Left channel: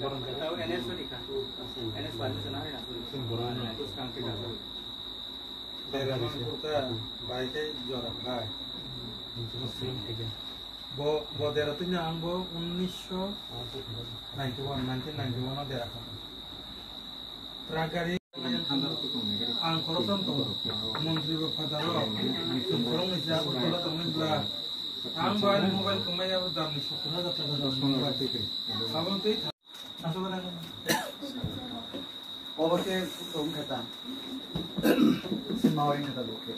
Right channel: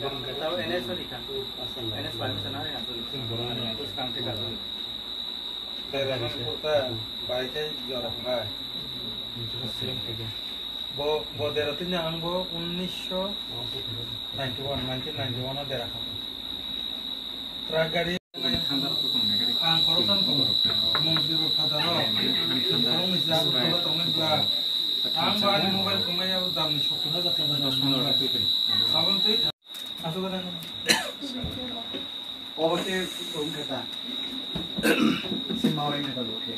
Tahu NS tadi kan? NS lain sana ya, terus kang tidak. Daerah kota baiknya jarak lah. Bo daerah itu yang bo 1991 daerah kamu. Tragedi ang korosan kamu, mungkin berkata lo, kalau misalnya kalau kamu bilang, ang balik mobile kamu ya udah misal kamu dah terus kamu itu masuk ke dalam. Oh, itu kamu kata. Si mau ini kata oke.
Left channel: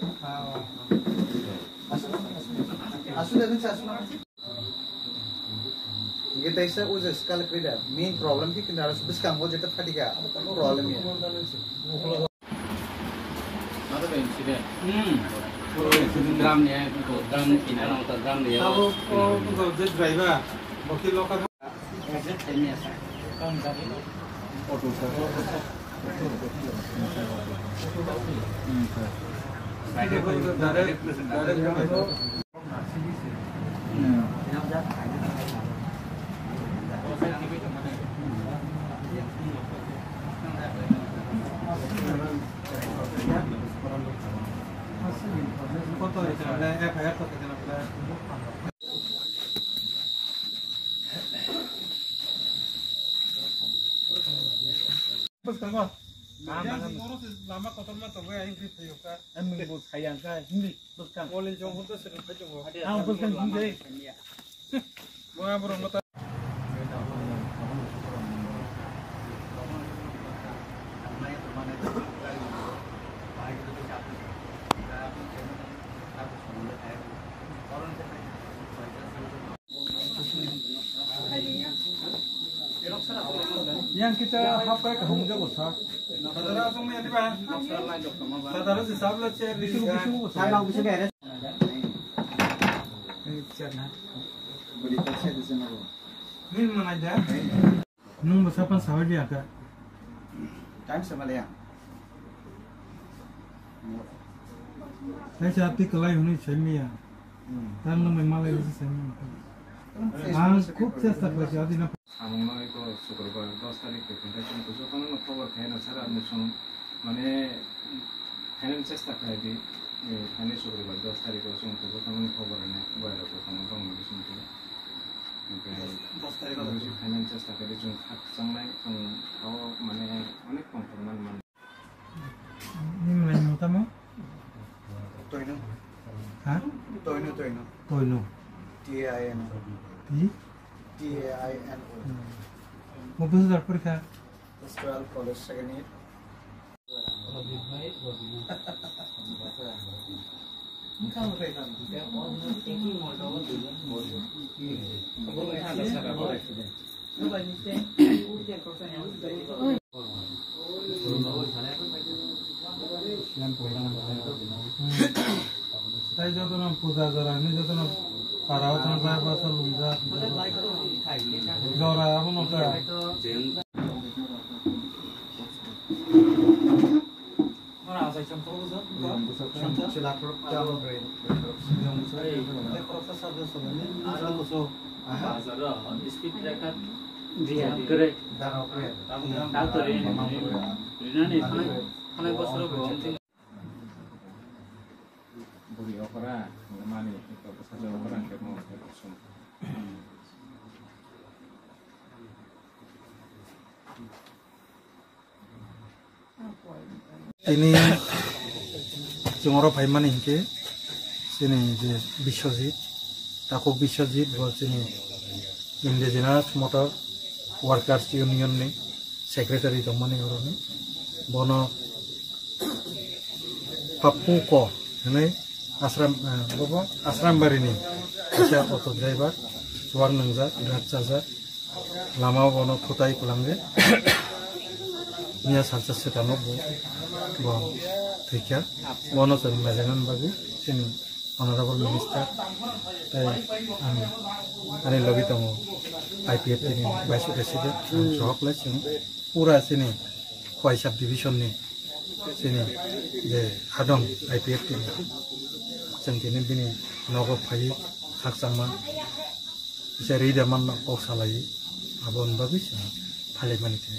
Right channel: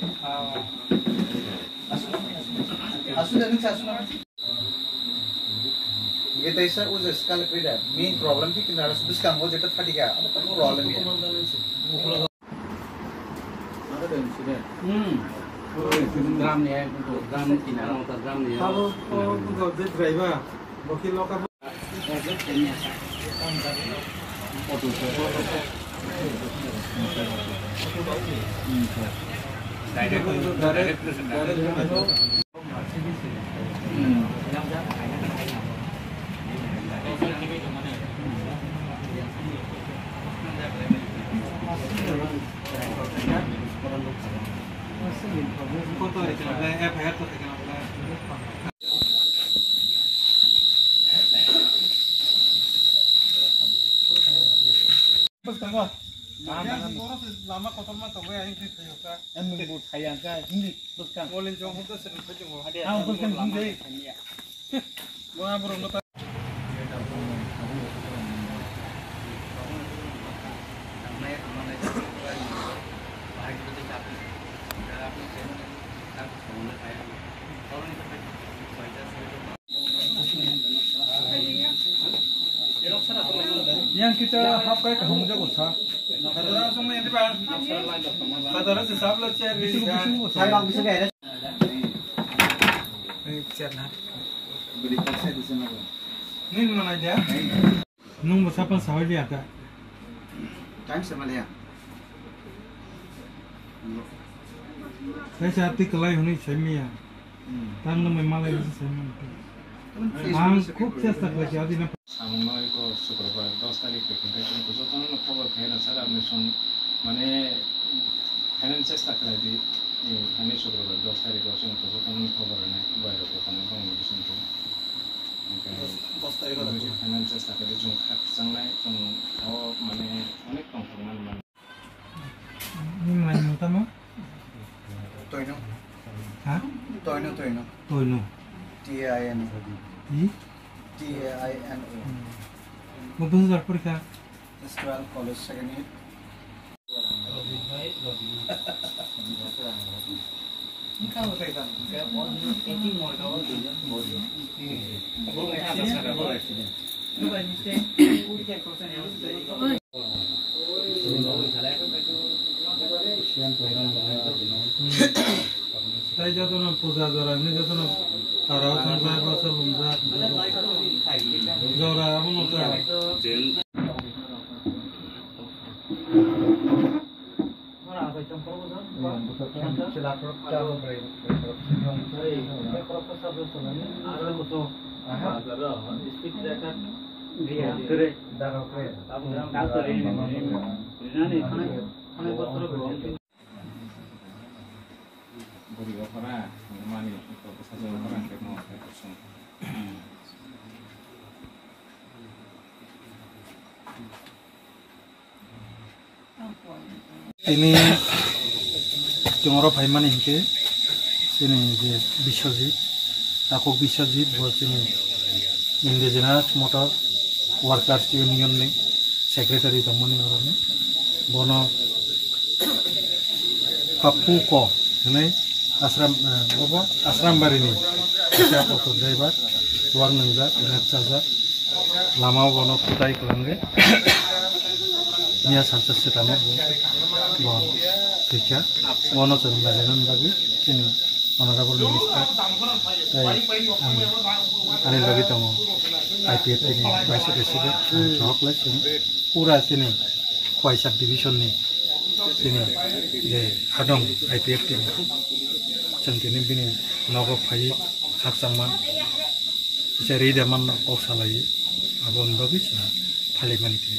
Asu dan asu nama. Kita isa udah sekali beda. Main problem ki kita harus biskan mau jadi ketiga. Apa problem ya? Ada benci deh. Dramnya itu dram kinar atau dram dia. Kalau kalau driver, bukti lokal. Project ini ya. Foto. Lama kotor mah tahu ya ini juga. Emang buat sayang kan, ini bukan. Boleh jauh itu sering ketemu. Bukan ini. Gua baru nota. Yang kita hafal ke homja kosa. Kadang langsung menyati bang. Kadang sesab lo chair ini kan. Saya langsung bisa kayak. Ini chair nah. Beri paksa di sana. Ini mana dia? Nung besapan sahur dia kan? Time sama dia. Saya hati kelai ini semia. Tang nung memang lagi semia. খুব চেষ্টা করেছি আদিন সাময়িক শুক্রবার 10 তারিখ কিন্তু যখন খবর খাই না স্যার আপনি মানে ফাইনাল চেষ্টা করে দিই আমি শুক্রবার 10 তারিখ যখন খবর নেই বাইরে কোথাও কমিউনিকেশন করে 10 তারিখ ফাইনাল চেষ্টা করে जों খাকসাंनाय जों তাও মানে অনেক কম পরিমাণ মানে ini lain utama Toino. hah Toino. Toino TAIN. TAINO. mau besar periksa Sekolah College Second Year. Ini kalau kayak kan, kayak mau thinking mau kau tu je, mau je. Boleh ada sana boleh. Lu baik mistake, udah kayak kau sana yang sudah. তাই যত না পূজা জরা নি যত না তারাও সংসার বাসা লুমজা জরা এমন একটা Mana asal campur besar? Sila korupsi brain. Yang besar itu. Korupsi sahaja soalnya. Ada besar. Speed breaker. Dia keren. Darah keren. Tahu ini. Ini kan besar banget. beri opera menemani itu pesan opera yang mau kosong. ini Jongoro Bhaiman ini sini je Biswajit Takok Biswajit buat sini Indigenous Motor Workers Union nih Secretary teman ini orang ini bono Papuko ini asram bar ini saya auto driver luar nengza berat saja lama bono kutai kelangge Nia salsa setama bon kerja bono terbajanan bagi sini honorable minister anil bagi tamu IPF ini vice president sohok lah sini pura sini Khoi sub division nih sini je hadong IPF ini cengkini bini nogo pai hak sama cari daman kau salai abon bagus ya ভালেমানখিনি